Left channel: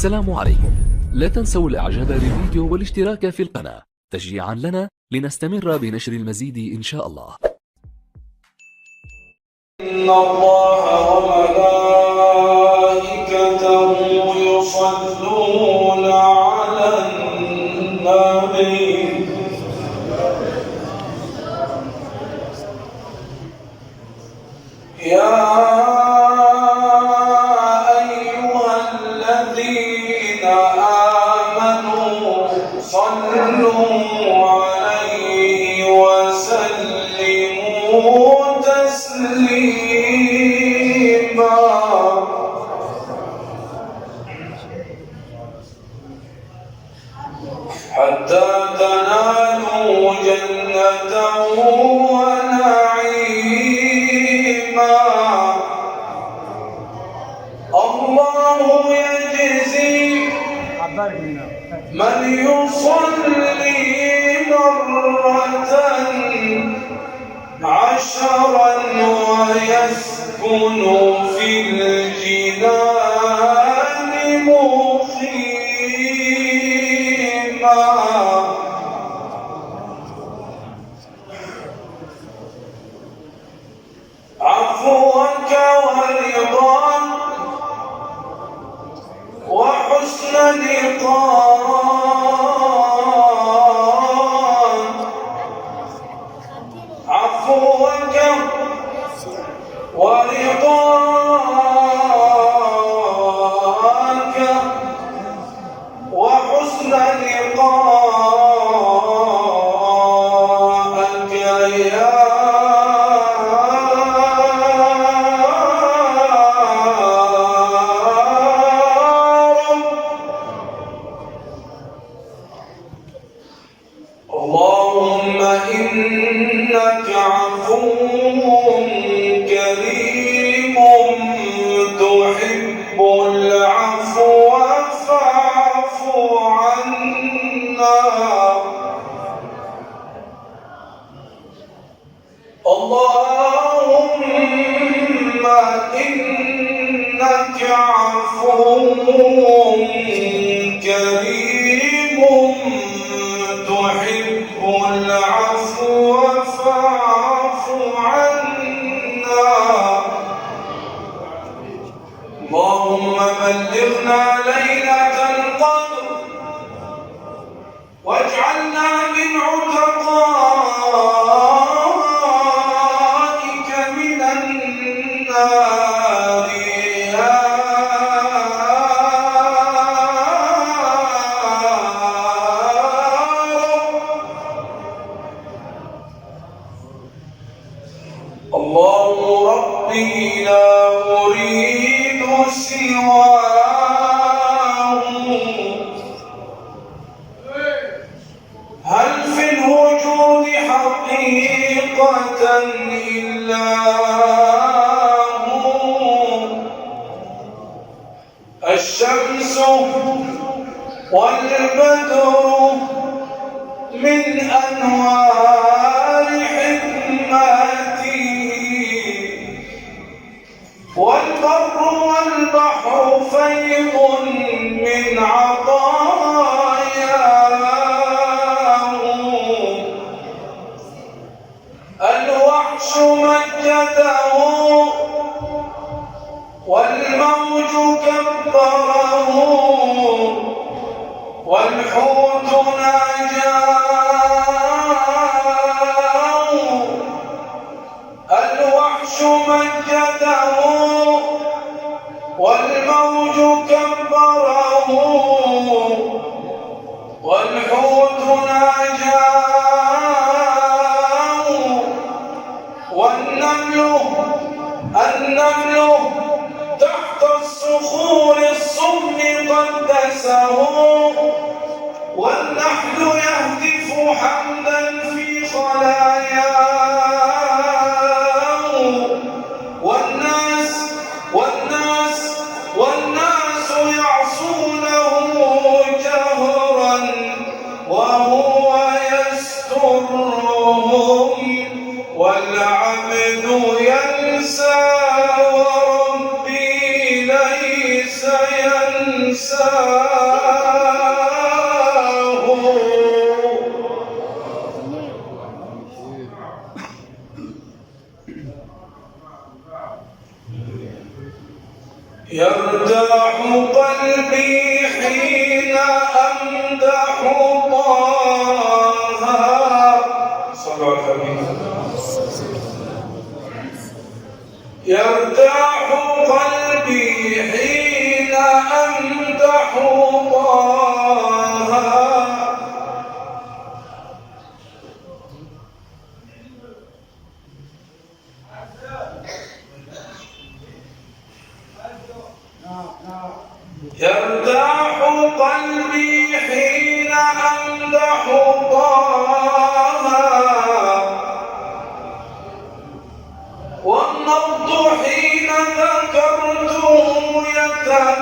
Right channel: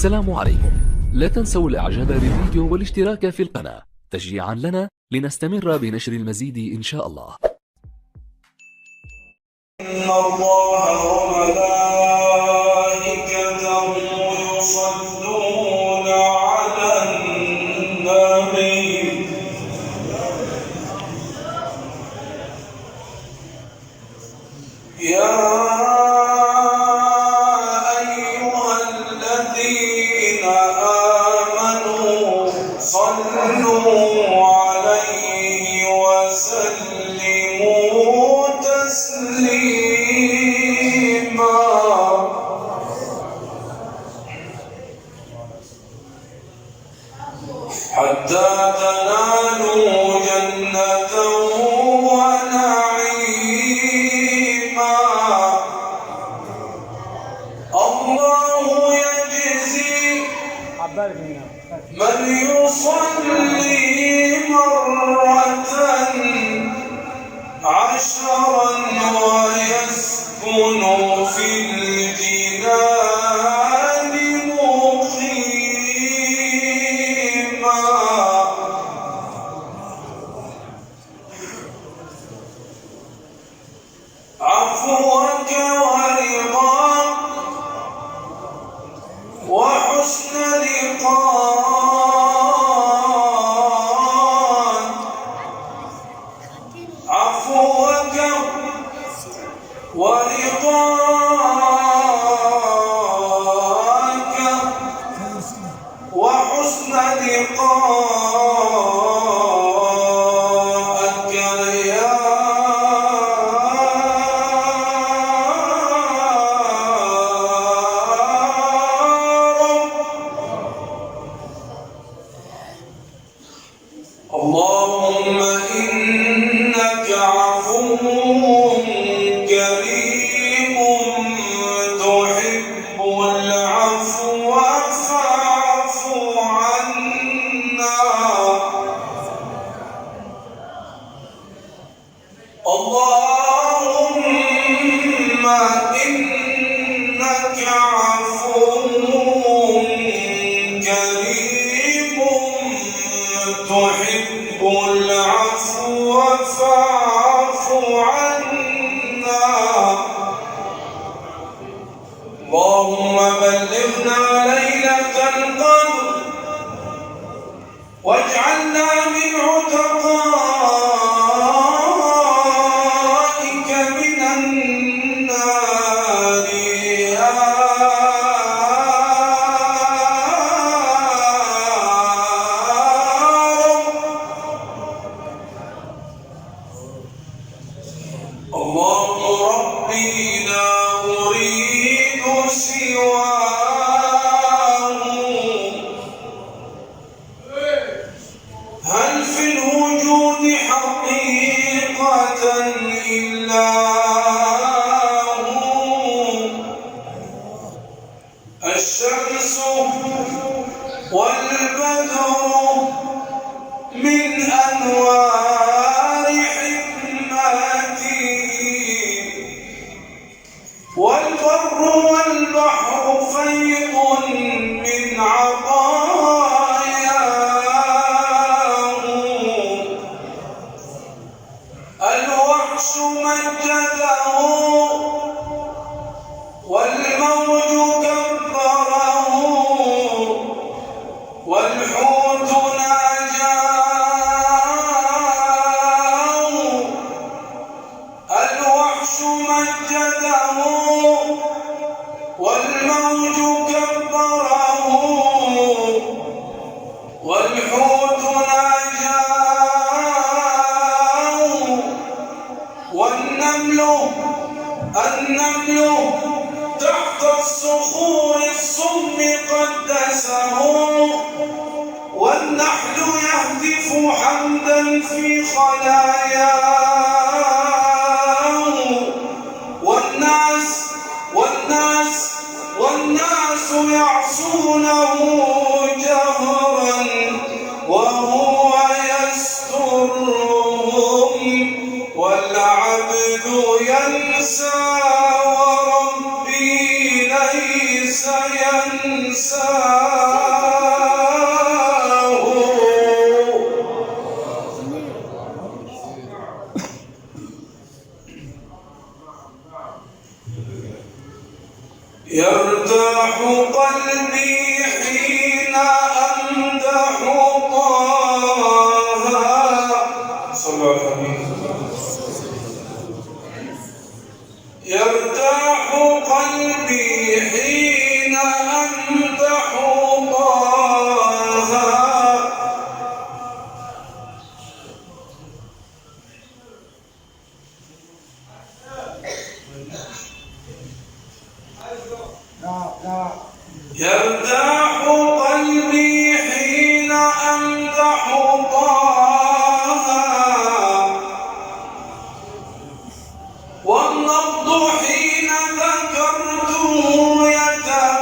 السلام عليكم. لا تنسوا الاعجاب بالفيديو والاشتراك في القناة تشجيعا لنا لنستمر بنشر المزيد إن شاء الله. إن الله وملائكته يصلون على النبي يا أيها الذين آمنوا صلوا عليه وسلموا تسليما حتى تنالوا جنته ونعيما. الله يجزي من يصلي مرة 10 ويسكن في الجنان مقيما. عفوك ورضاك وحسن لقاك. عفوك ورضاك وحسن لقاك يا اللهم إنك عفو كريم تحب العفو فاعف عنا. اللهم إنك عفو كريم تحب العفو فاعف عنا. اللهم بلغنا ليلة القدر واجعلنا من عتقائك من النار يا الله ربي لا أريد سواه. هل في الوجود حقيقة إلا هو؟ الشمس والبدر من أنوار حكمتي والبر والبحر فيض من عطاياه. الوحش مجده والموج كبره والحوت ناجاه. الوحش مجده والموج كبره والحوت ناجاه. النمل تحت الصخور الصم قدسه والنحل يهتف حمدا في خلاياه. والناس يعصونه جهرا وهو يسترهم والعبد ينسى وربي ليس ينسى. يرتاح قلبي حين أمدح طه، والنبض حين ذكرته يتباهى،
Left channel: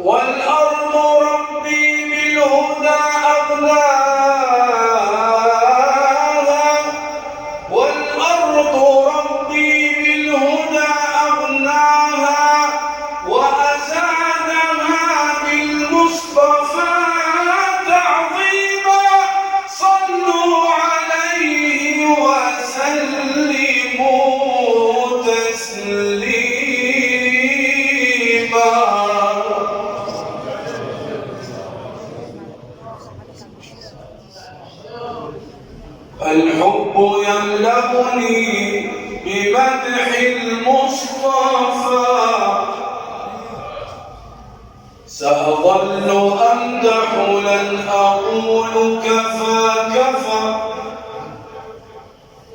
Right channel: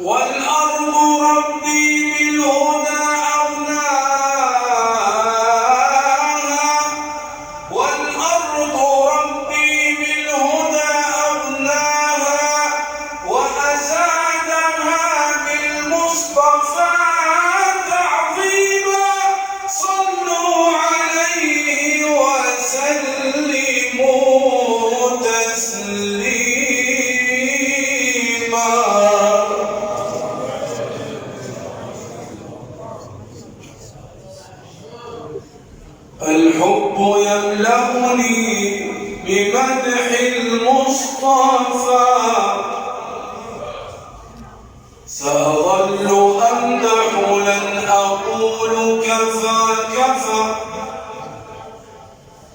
والأرض ربي بالهدى أغناها، والأرض ربي بالهدى أغناها، وأزادها بالمصطفى تعظيما. صلوا عليه وسلموا تسليما. الحب يملأني بمدح المصطفى، سأظل أمدح لن أقول كفى كفى.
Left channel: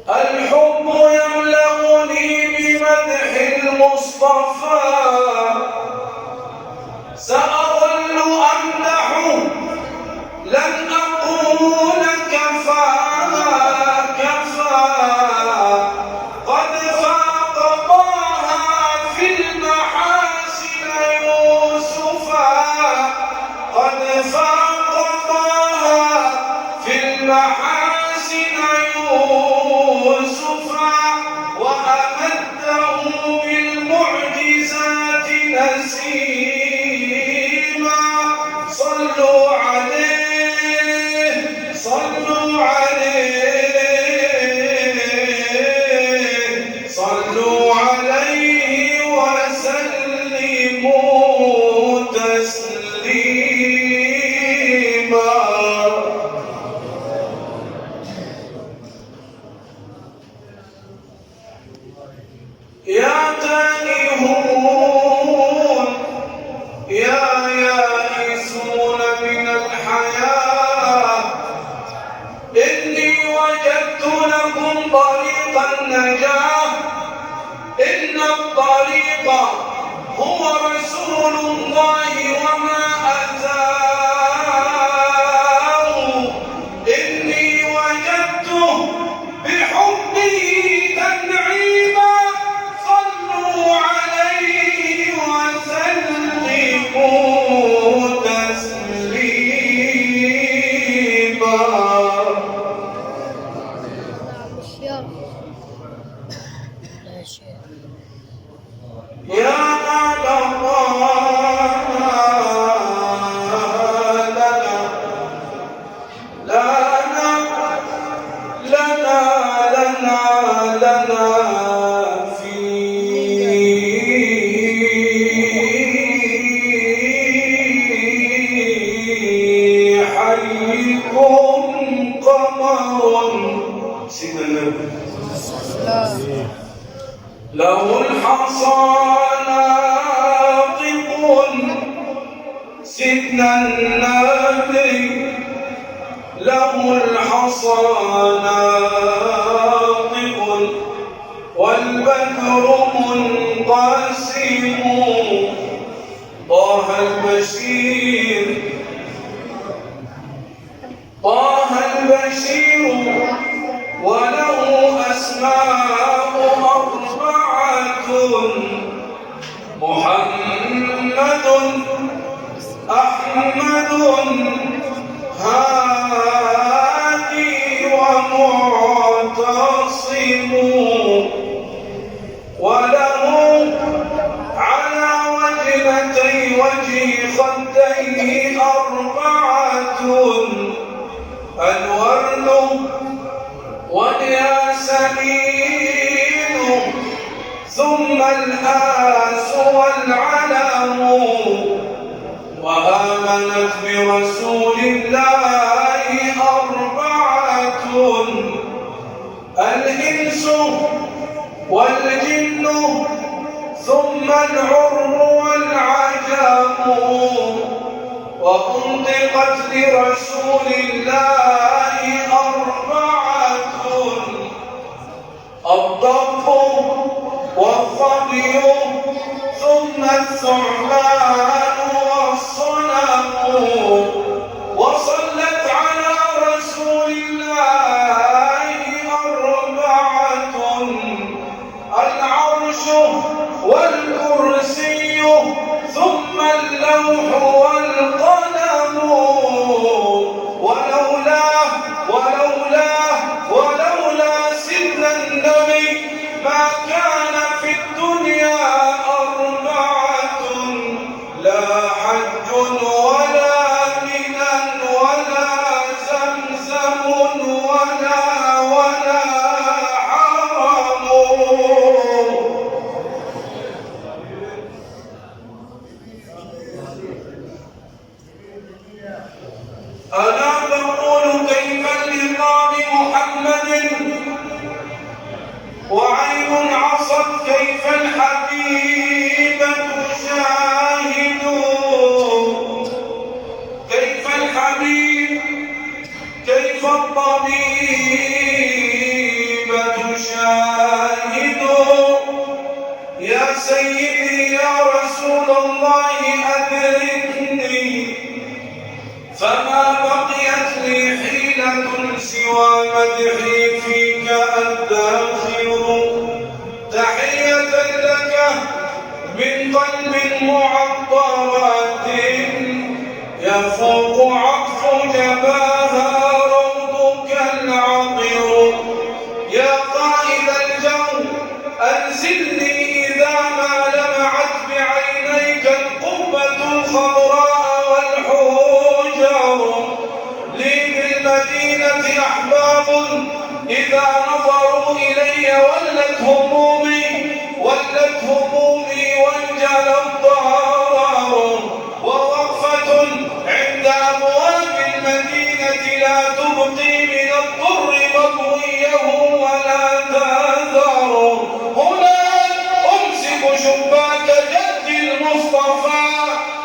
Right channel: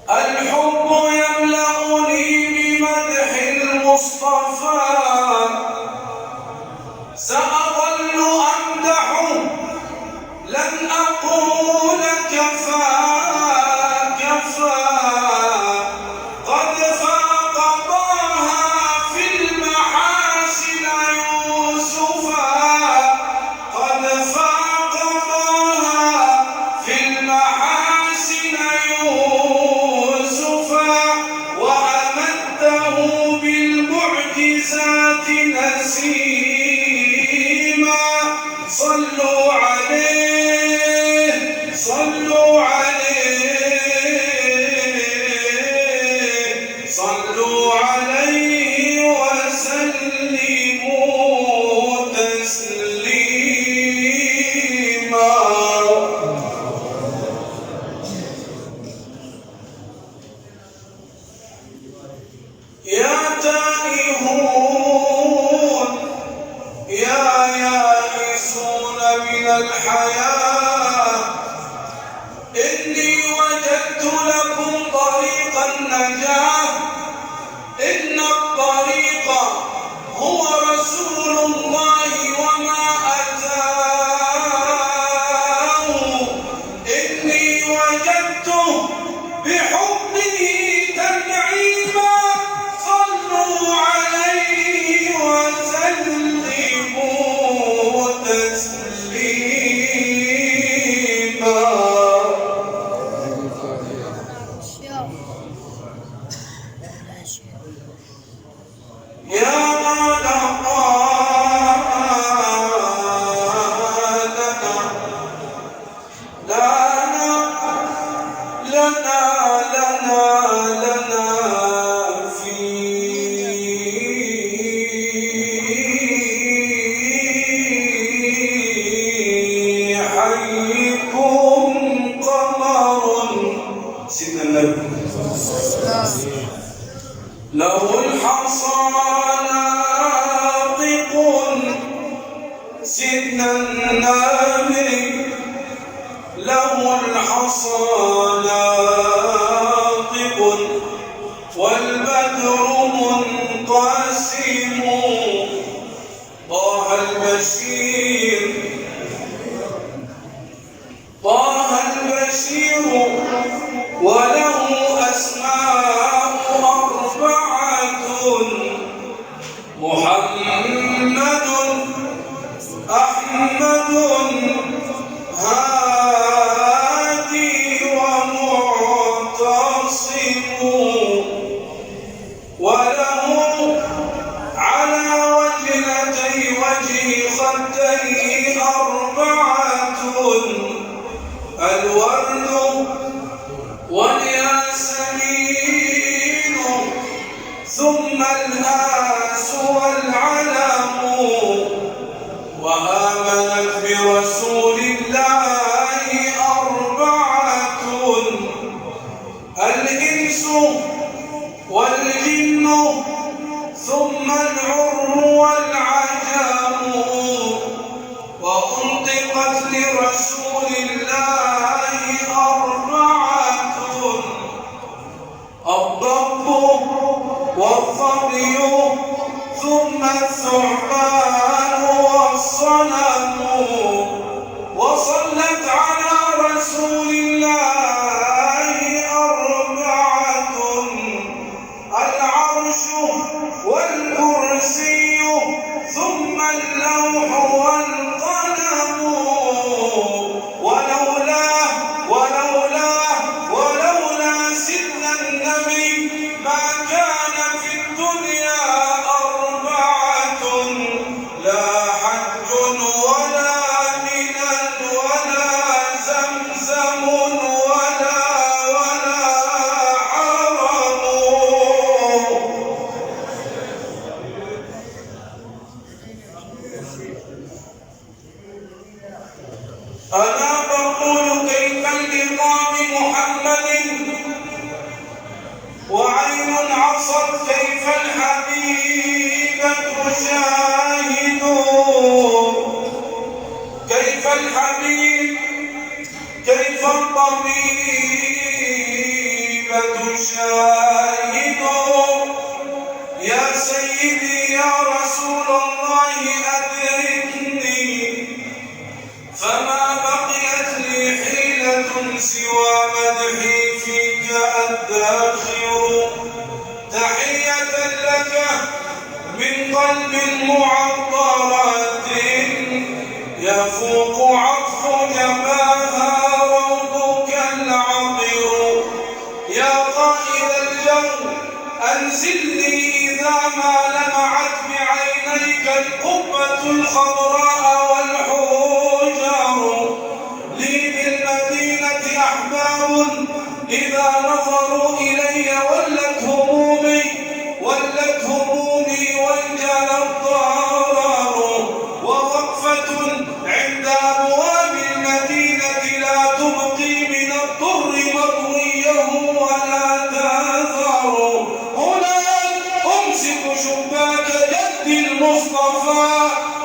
الحب يملأني بمدح المصطفى، سأظل أمدح لن أقول كفى كفى. قد فاق طه في المحاسن يوسفا، قد فاق طه في المحاسن يوسفا، وأمده بالمعجزات نسيما. صلوا عليه صلوا عليه صلوا عليه وسلموا تسليما. يا تائهون يا يائسون من الحياة، إني وجدت لكم طريق النجاة. إن الطريق هو رسول الله وما أتاه، إني وجدته بحبه تنعيما. صلوا عليه وسلموا تسليما. يا لنا في حيكم قمر. سيدنا النبي له الحصى ناطق، سيدنا النبي له الحصى ناطق، والبدر منقسم. طه البشير طه البشير، وله أسماء أربعة: محمد، أحمد، هادي، ومعتصم. وله على وجنتي وجه خديه أربعة: الورد والياسمين، ثم الآس والعلم. وآمنت برسول الله أربعة: الإنس والجن، ثم العر والعجم. الثعبان والصنم وصلت على رسول الله أربعة العرش والكرسي ثم اللوح والقلم ولولا سيدنا النبي ما كان في الدنيا أربعة لا حج ولا منى ولا زمزم ولا حرم. ألا تقول كيف اللقاء بمحمد وعين عصت كيف الحبيب تشاهد كيف الحبيب كيف الطبيب تشاهد يا سيدي يا رسول الله أدركني فما بقيت لي حيلة سوى مدحي فيك أدخر تحية لك من قلب معطرات يفوق عطف جباها روضك العطر يا قائد الجو أنزلني إذا ما لمعت بعينيك القبة الخضراء والحجر لي بالمدينة أحباب إذا نظروا إلي ولت همومي وانجل الضرر ووقفة عند أبواب المدينة لا تبقي من الضر مطويه ولا تذر هنا أمسك شباك جد المصطفى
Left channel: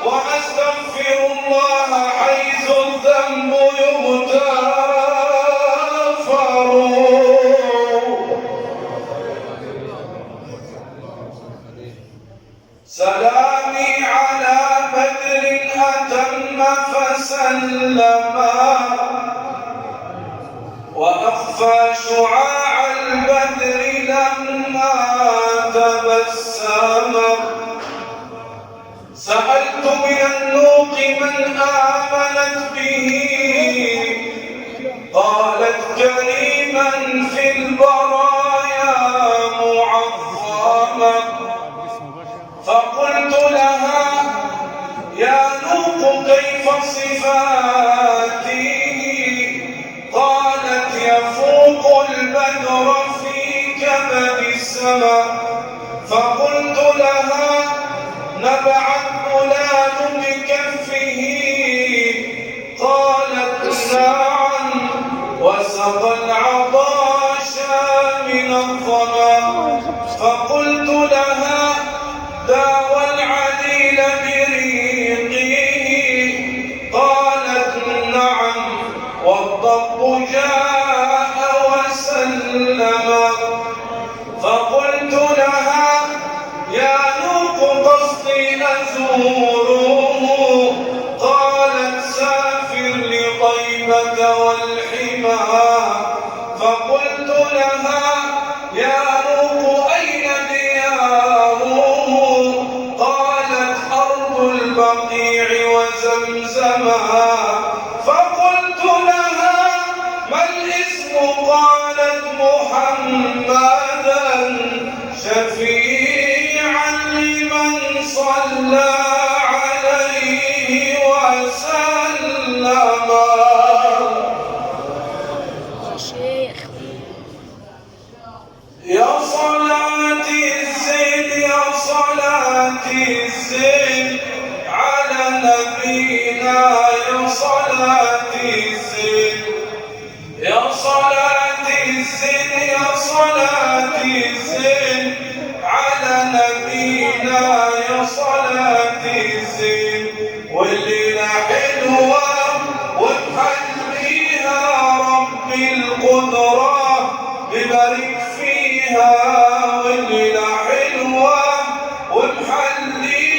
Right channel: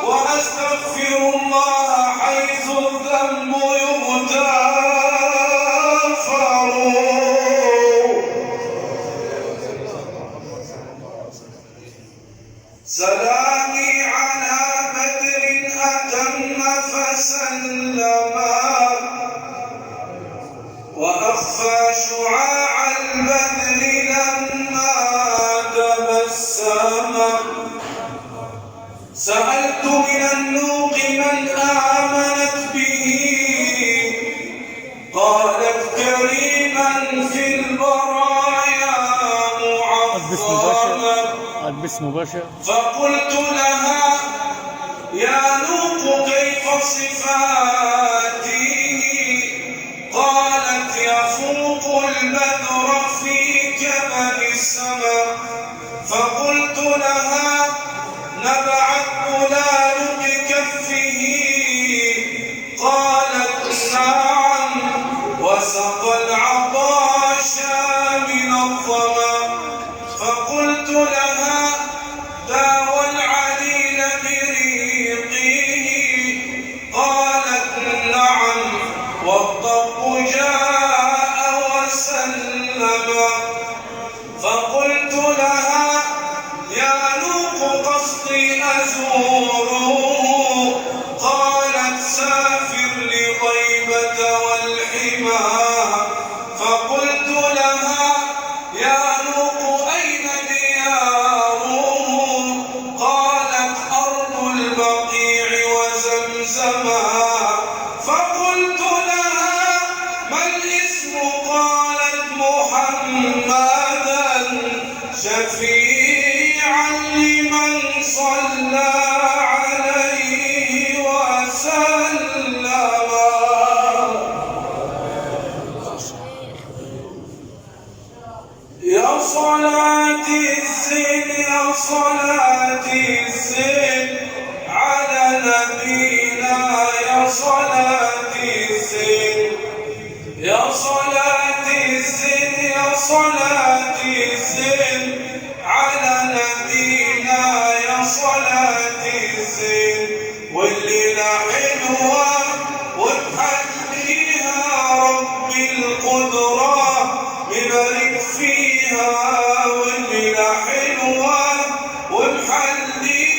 وأستغفر الله حيث الذنب يغتفر. سلامي على بدر أتم فسلم وأخفى شعاع البدر لما تبسم سألت من النوق من آمنت به قالت كريما في البرايا معظما فقلت لها يا نوق كيف صفاتي قالت يفوق البدر في كبد السماء فقلت لها نبعت بلال بكفه قالت نعم وسقى العطاش من الظما فقلت لها داوى العليل بريقه قالت نعم والضب جاء وسلم فقلت لها يا نوق قصدي أزوره قالت سافر لطيبة والحمى فقلت لها يا نوق أين دياره قالت أرض البقيع وزمزما فقلت لها ما الاسم قالت محمدا شفيعا لمن صلى عليه وسلم. يا صلاتي الزين يا صلاتي الزين على نبينا يا صلاتي الزين يا صلاتي الزين يا صلاتي الزين على نبينا يا صلاتي الزين والليلة حلوة وتحليها رب القدرة يبارك فيها والليلة حلوة ومحليها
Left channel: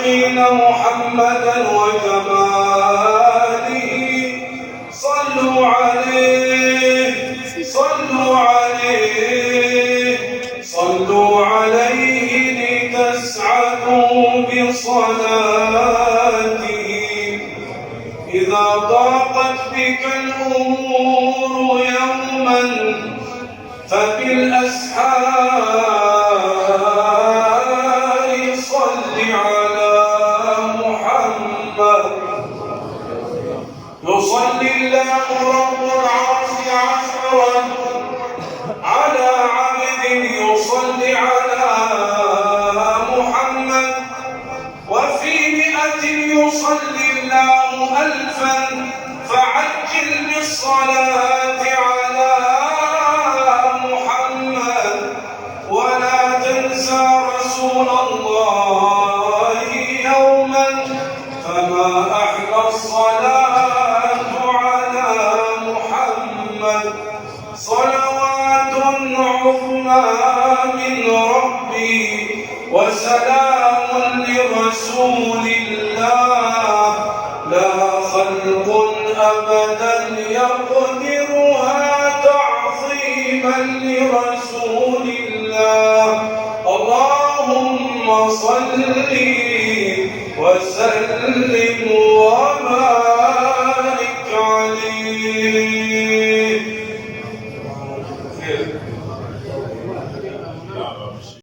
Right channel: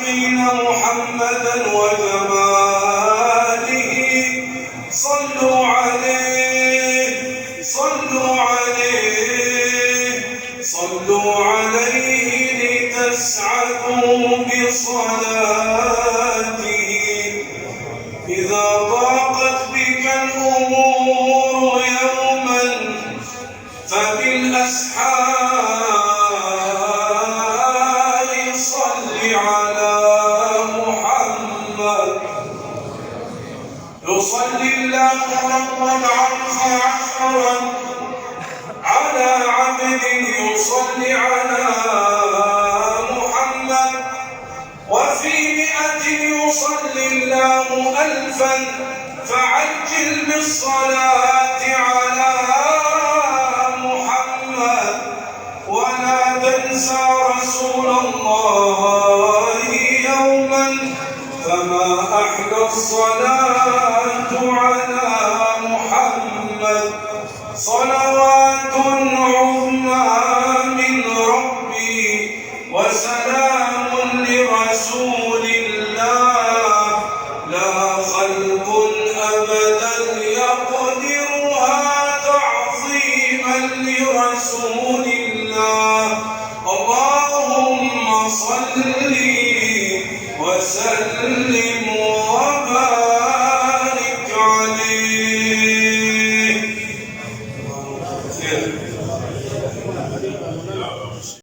الخالقين محمدا وجماله صلوا عليه صلوا عليه صلوا عليه لتسعدوا بصلاته إذا ضاقت بك الأمور يوما فبالأسحار صل على محمد يصلي الله رب العرش عشرا على عبد يصلي على محمد وفي 100 يصلي الله 1000 فعجل بالصلاة على محمد ولا تنسى رسول الله يوما فما أحلى الصلاة على محمد صلوات عظمى من ربي وسلام لرسول الله لا خلق أبدا يقدرها تعظيما لرسول الله اللهم صل وسلم